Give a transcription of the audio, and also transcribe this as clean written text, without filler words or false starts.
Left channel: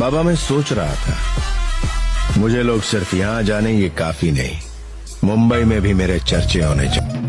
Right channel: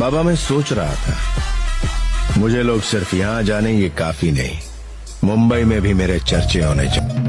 बाबा मैं सोच रहा था मुझे लोग सिर्फ यहाँ जाने ये काफी नहीं, मुंबई में भी मेरे चर्चे होने चाहिए।